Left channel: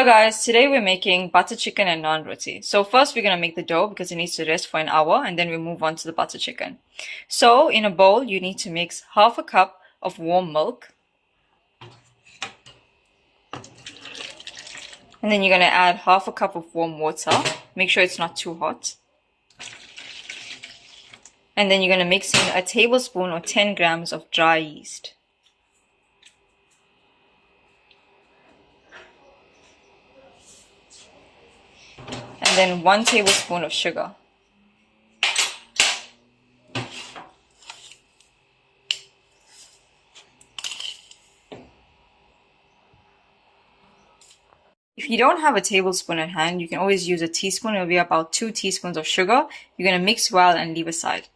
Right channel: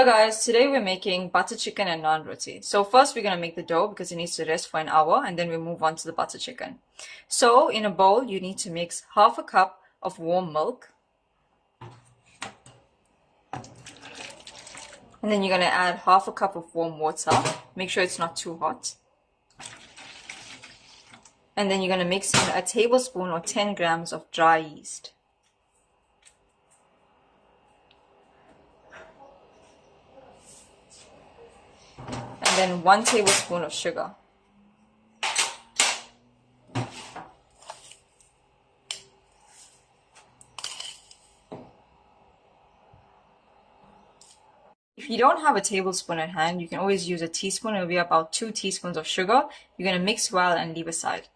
Hello guys, today we're making butter chicken and naan roti. So first we're going to make the dough because it needs to rest for an hour and then we move on to the butter chicken. So in a bowl you need to mix half a cup of warm milk. And then you're going to add half a cup of warm water. Make sure it's not too hot. And then you're going to mix in a tablespoon or 10 grams of dry yeast. And then 1 tablespoon of sugar. If you don't have a tablespoon at hand, you can always use a teaspoon. It will be about 2 teaspoons of sugar. You're going to mix well and leave aside.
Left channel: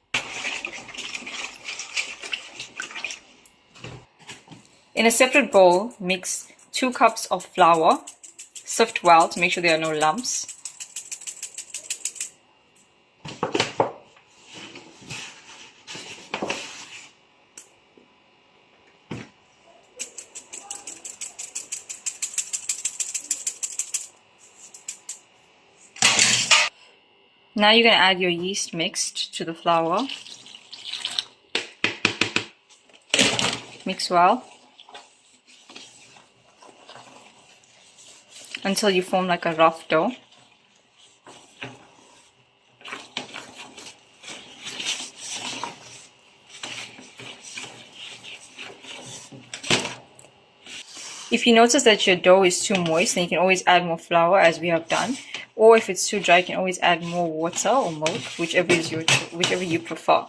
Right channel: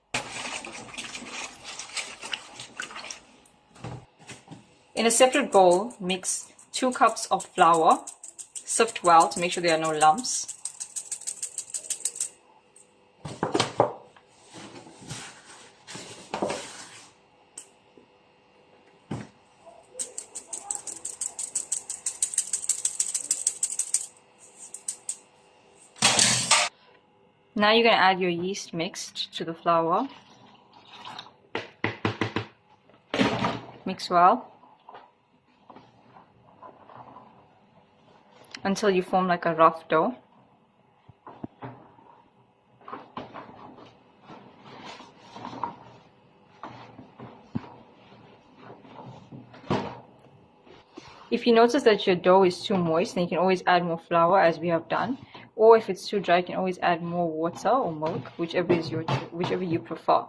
In a separate bowl, mix 2 cups of flour. Sift well to make sure there are no lumps. Now you're going to add your yeast mixed to the flour. Mix well until you form like a rough dough. If you notice that your dough is too moist, then you can always add more flour as we have done. Or if it's too dry, you can always add more water or milk, whichever you prefer.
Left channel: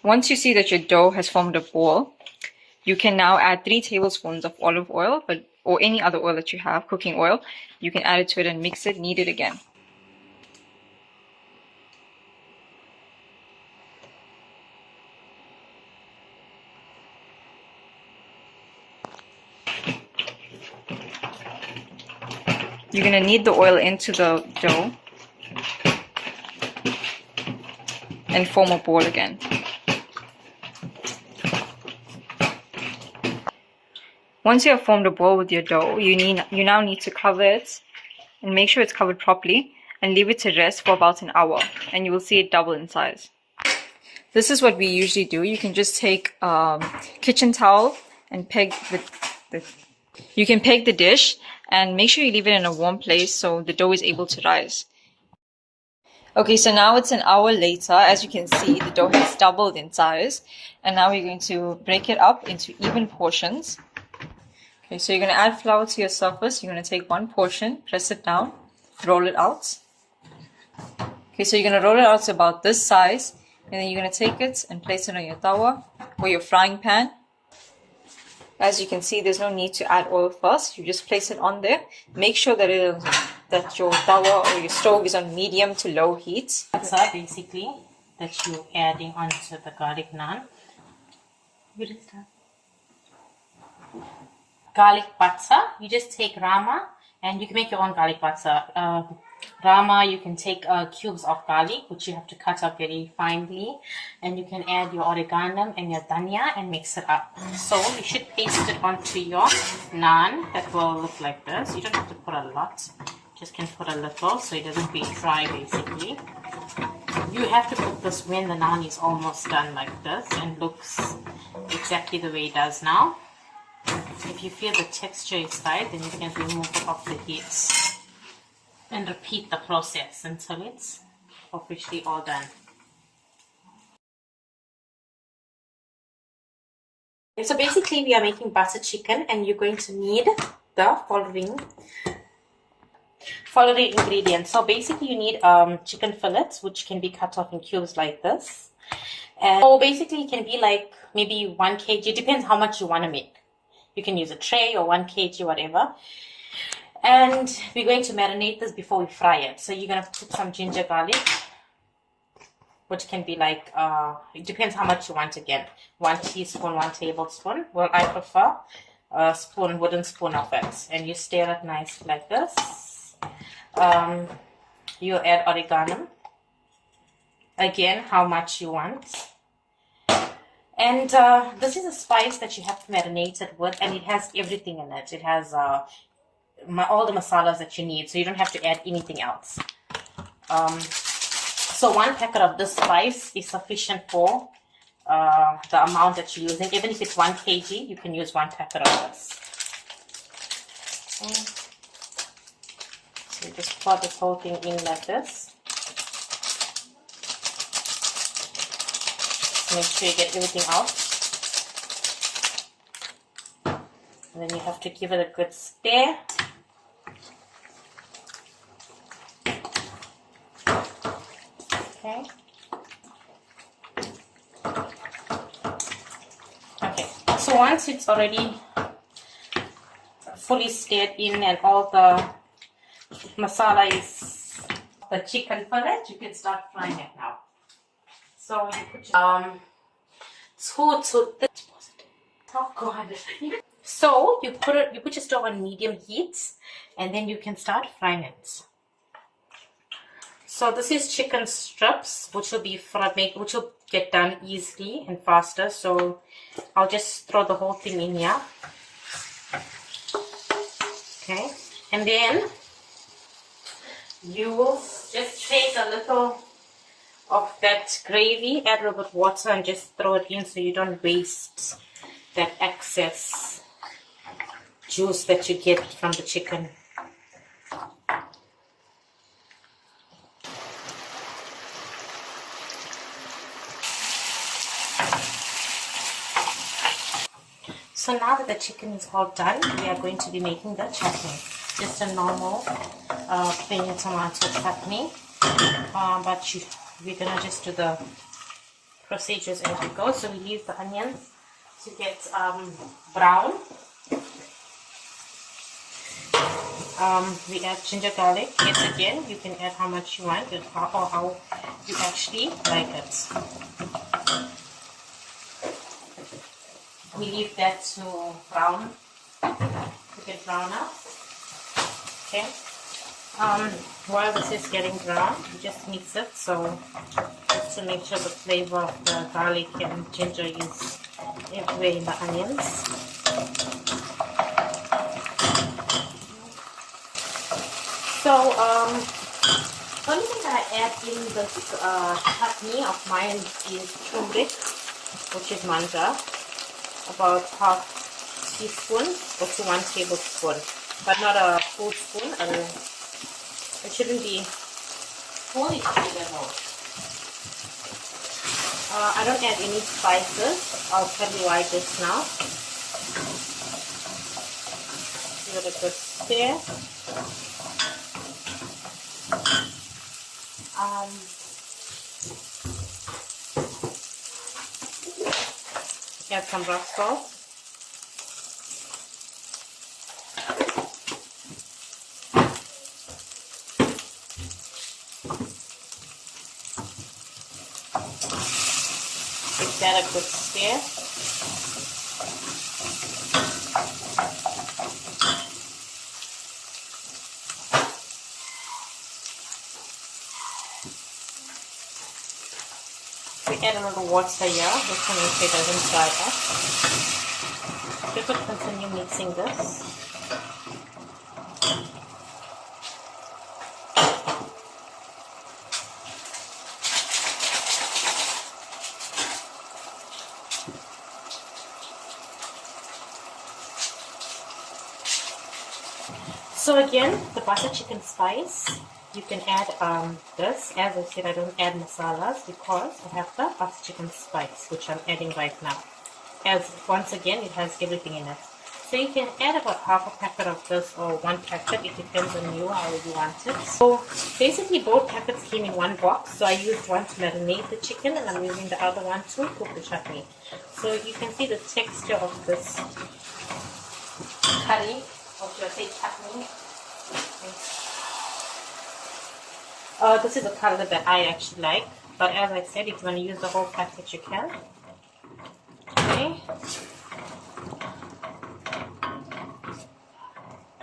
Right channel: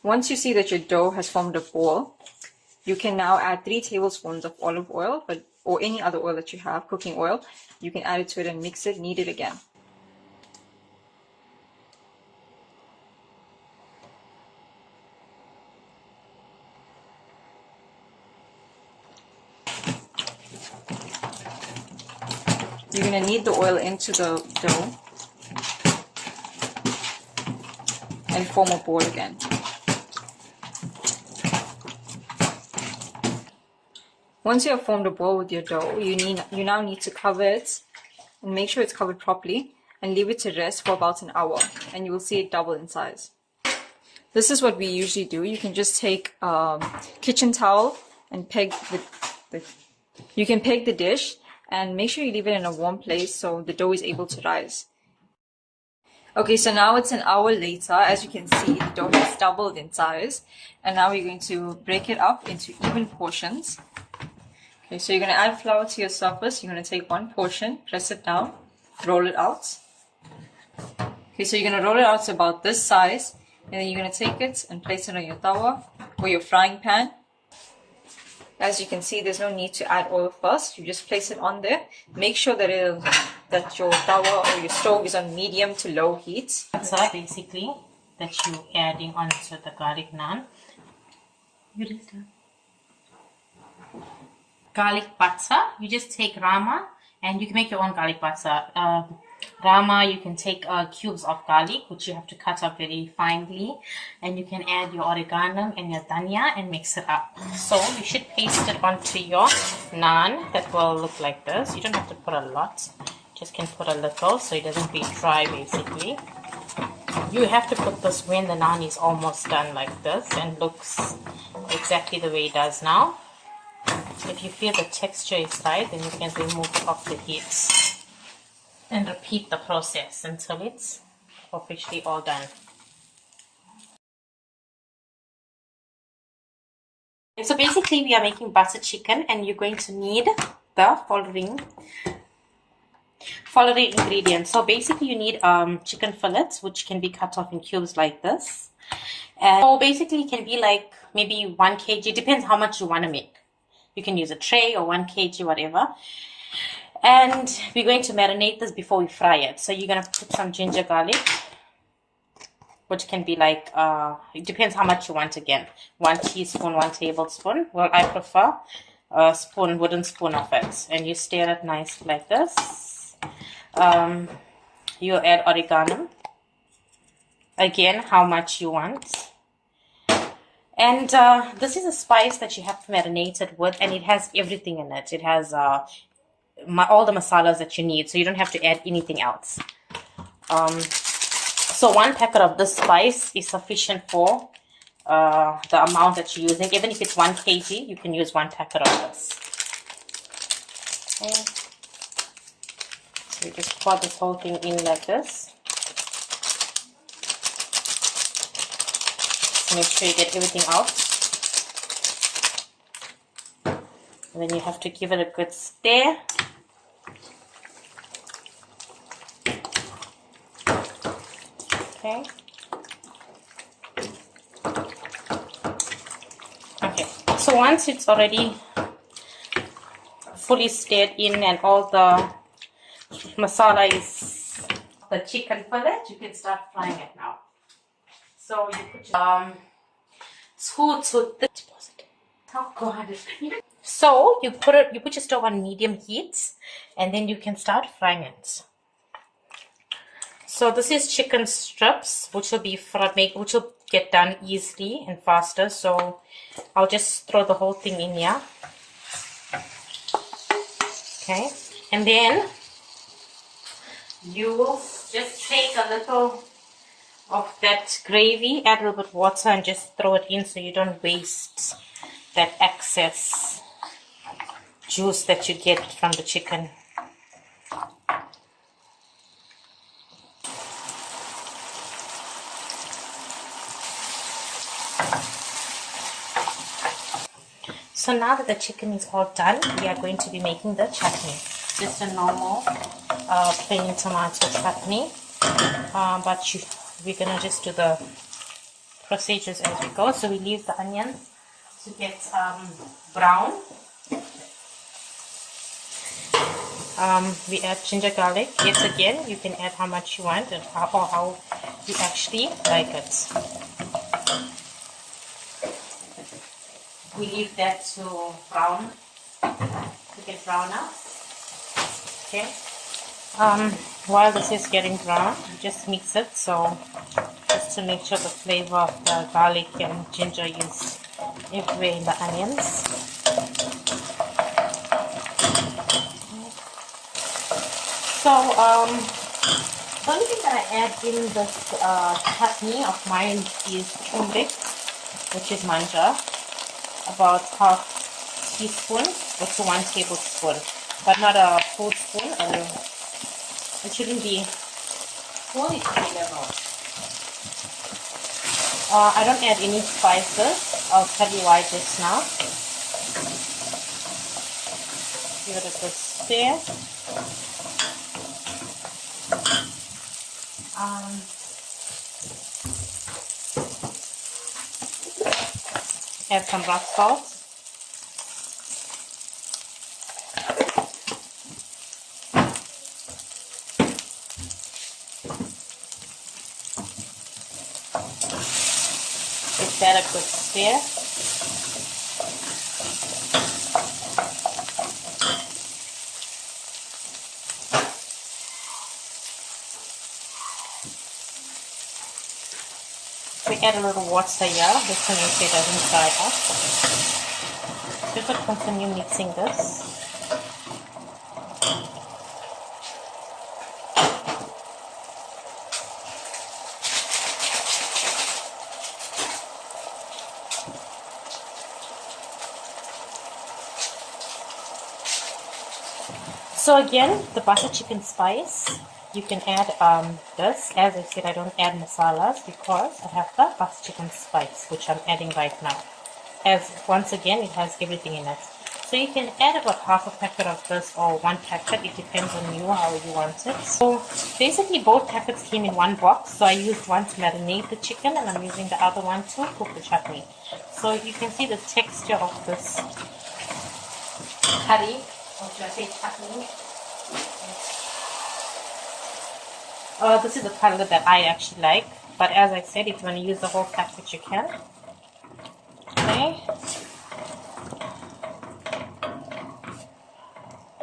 Once you see that your dough has formed a ball, you can now add 3 tablespoons of olive oil, or any other oil that you have, cooking oil. You can add it to it and mix it, knead it again. You're going to knead the oil into the dough and form a ball again. Once you have formed a ball with your dough, you now need to cover it and make sure it's covered properly and leave it to rest for about an hour, and you will see it double in size. This is what we usually do. You can just take a kitchen towel and peg the dish, and make sure you leave it in a warm place so the dough is able to rise. Okay, so now it's an hour later. As you can see, the dough has doubled in size, and now we're going to break it up into even portions. Okay, so you're going to add flour to your surface. You're going to take 1 portion, press it down, roll it out. Okay, so you're going to roll it out to about this size, and then you're going to take it and place it on your tawa or your frying pan. As you can see, there's no need to add oil first. You just place it on there. Make sure that your tawa or your stove is on medium to low heat. That's basically that you're adding onto the garlic naan. Garlic butter. You just take rama and you can make your own garlic butter. Rama, you can take cubes of garlic, which you have to cut up very finely, and you can add your oregano and your dhania and mix it up. So you should paste it onto your naan. That will look like this. You don't have to put a lot, just can put a little so it doesn't be dry basically. You have to put this when the naan is almost done like this and looks exactly the way it does now. If you feel the texture is tight, then you can remove it off the heat and repeat the process until it's officially all done. So basically we are making butter chicken, and you're going to need the following ingredients. So basically you need chicken fillets, which can be cut off in cubes like this. And so basically it can be like maybe 1 kg, depends how much you want to make. You can use a tray or 1 kg, whatever. And we're going to marinate this before we fry it. So you're going to put some ginger garlic, which can be like, it depends how much you want again. 1 teaspoon, 1 tablespoon. Well, I prefer a spoon, wooden spoon of it. And you stir it nice like this. You add oregano. Again, how much you want. And this is a spice that you have to marinate it with, and it has everything in it. It has all the masalas that you need, so you don't have to add anything else. So 1 packet of this spice is sufficient for the amount that you're using. Even if it's 1 kg, you can use 1 packet of this. Okay. So you just pour this whole thing in like this. Just make sure you get everything out. And then you have to give it a good stir. Okay. Okay, so once it's already fully stirred in and all the masala is the chicken fillet, you can start frying it now. So you put 2 to 3. Oh God. So you put your stove on medium heat, and then you can start frying it. So this is chicken strips, which will get done easily and faster. So I'll just throw the whole thing in here. Okay, and then you will just take a little of that gravy, add a little bit of water, and just throw it in so you don't waste that excess juice that you get from the chicken. So now that the chicken is all done, we are going to be making the chutney. Just a normal plain tomato chutney, but we're gonna just do the procedures as we go. So we leave the onions to get brown. We add ginger garlic. Yes, again, you can add how much you want and how you actually like it. We leave that to brown, to get brown up. Okay. While this is getting brown, just mix it just to make sure the flavor of the garlic and ginger is everywhere in the onions. So the only thing that I add in this chutney of mine is turmeric, which is manja. About half teaspoon or to 1 tablespoon, but not a full spoon. It shouldn't be full. I don't add any spices. I'll tell you why just now. Give it a good stir. Add some rock salt. Give that a good stir. We add a little water here, just to make sure it doesn't dry up. We could continue mixing this. So again, the butter chicken spice, you can add this. As I said, I don't add masalas because I have the butter chicken spice, which I'm adding right now. As once again, it has everything in it. So you can add about half a packet of this or 1 packet. It depends on you, how you want it. So basically both packets came in 1 box. So I used one to marinate the chicken and I'm using the other one to cook the chutney. So you can see the texture of this curry, or should I say chutney. This is a color that I actually like, but as I said, if you want to use the whole packet, you can. Okay.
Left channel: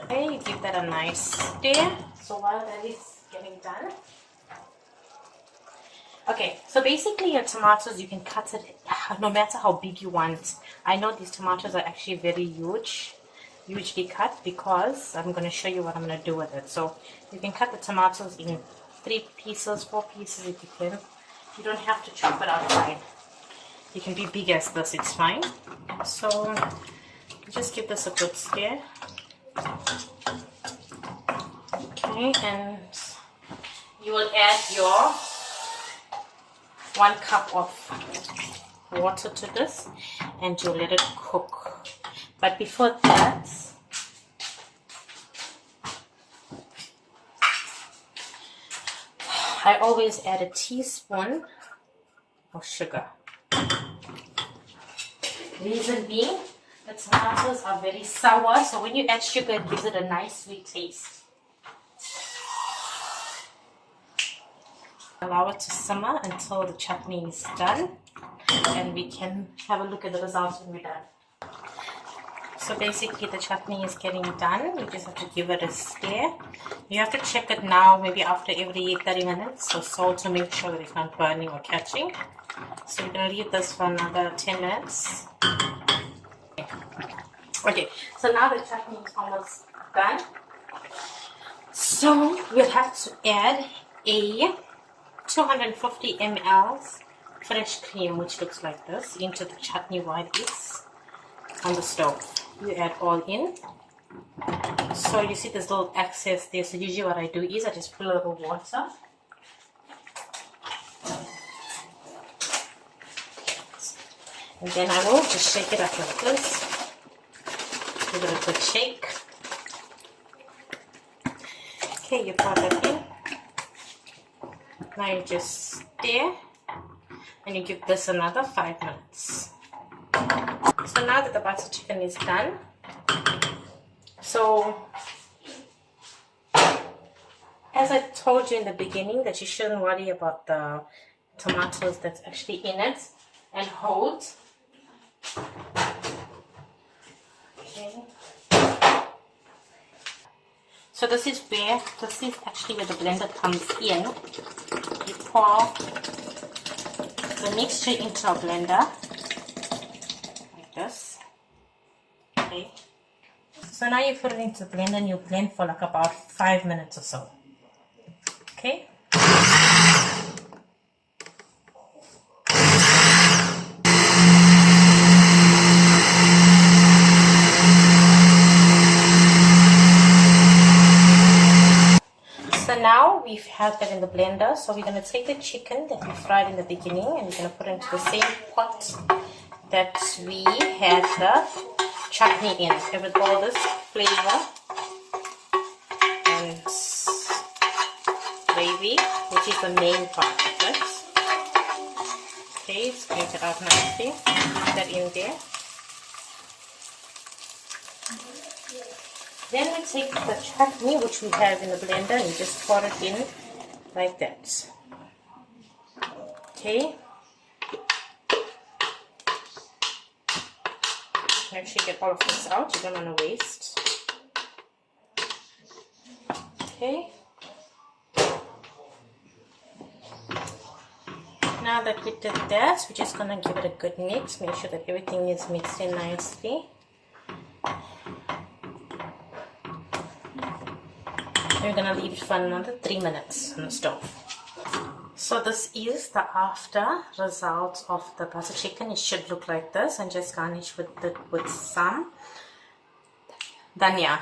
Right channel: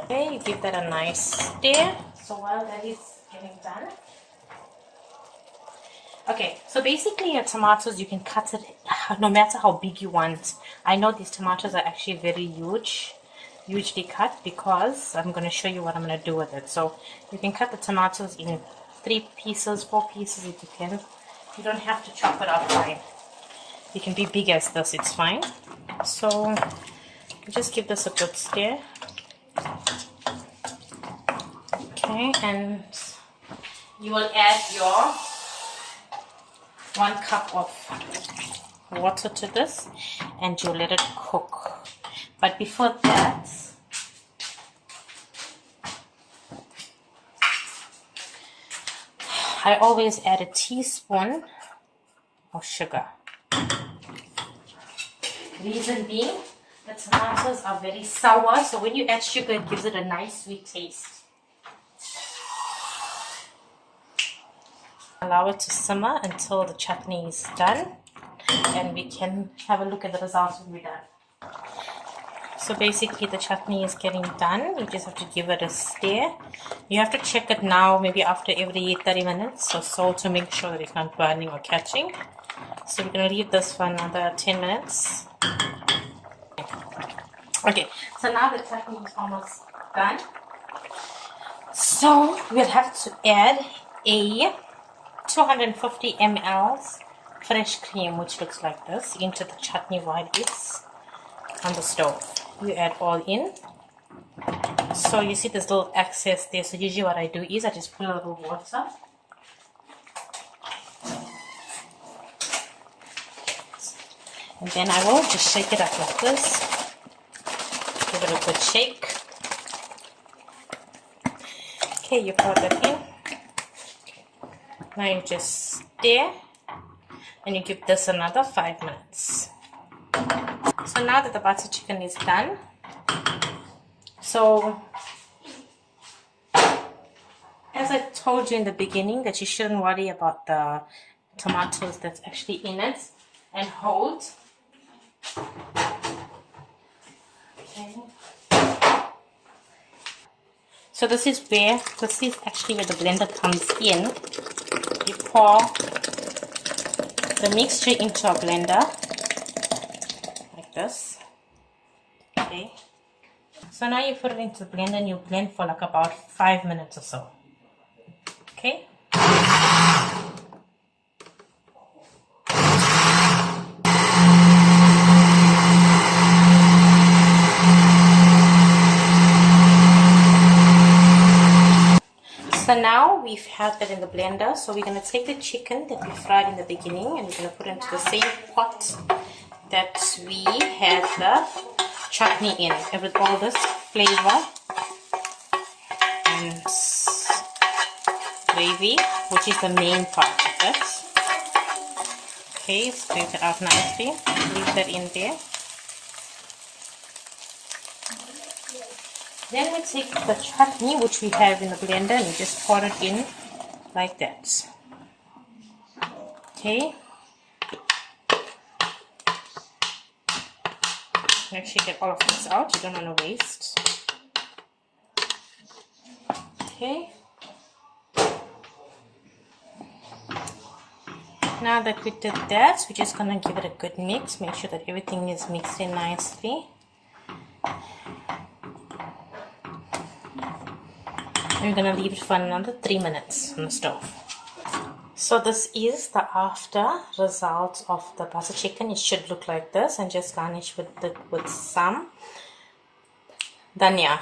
Okay, you give that a nice stir. So while that is getting done, okay, so basically your tomatoes, you can cut it no matter how big you want. I know these tomatoes are actually very hugely cut, because I'm going to show you what I'm going to do with it. So you can cut the tomatoes in 3 pieces, 4 pieces, it depends. You don't have to chop it up fine. You can be big as this, it's fine. So just give this a good stir. Okay, and you will add your 1 cup of water to this, and you let it cook. But before that, I always add a teaspoon of sugar. Reason being, the tomatoes are very sour, so when you add sugar, it gives it a nice sweet taste. Allow it to simmer until the chutney is done, and we can have a look at the results when we're done. So basically the chutney is getting done. You just have to give it a stir. You have to check it now, maybe after every 30 minutes or so, to make sure that it's not burning or catching. So we're going to leave this for another 10 minutes. Okay, so now the chutney is almost done. So we'll have to add a 250 ml fresh cream, which looks like this, into the chutney while it's on the stove. You add all in. So you see this little excess there, so usually what I do is I just put a little water. And then I will just shake it up like this. Give it a good shake. Okay, you pour that in. Now you just stir, and you give this another 5 minutes. So now that the butter chicken is done, so as I told you in the beginning, that you shouldn't worry about the tomatoes that's actually in it and hold. Okay. So this is actually where the blender comes in. You pour the mixture into a blender like this. Okay. So now you put it into the blender and you blend for like about 5 minutes or so. Okay. So now we've had that in the blender, so we're going to take the chicken that we fried in the beginning, and we're going to put it into the same pot that we had the chutney in, and with all this flavor and gravy, which is the main part of it. Okay, scrape it out nicely, leave that in there. Then we take the chutney which we have in the blender and we just pour it in like that. Okay. Make sure you get all of this out, you don't want to waste. Okay. Now that we did that, we're just going to give it a good mix. Make sure that everything is mixed in nicely. We're going to leave it for another 3 minutes on the stove. So this is the after result of the butter chicken. It should look like this, and just garnish with some dhania.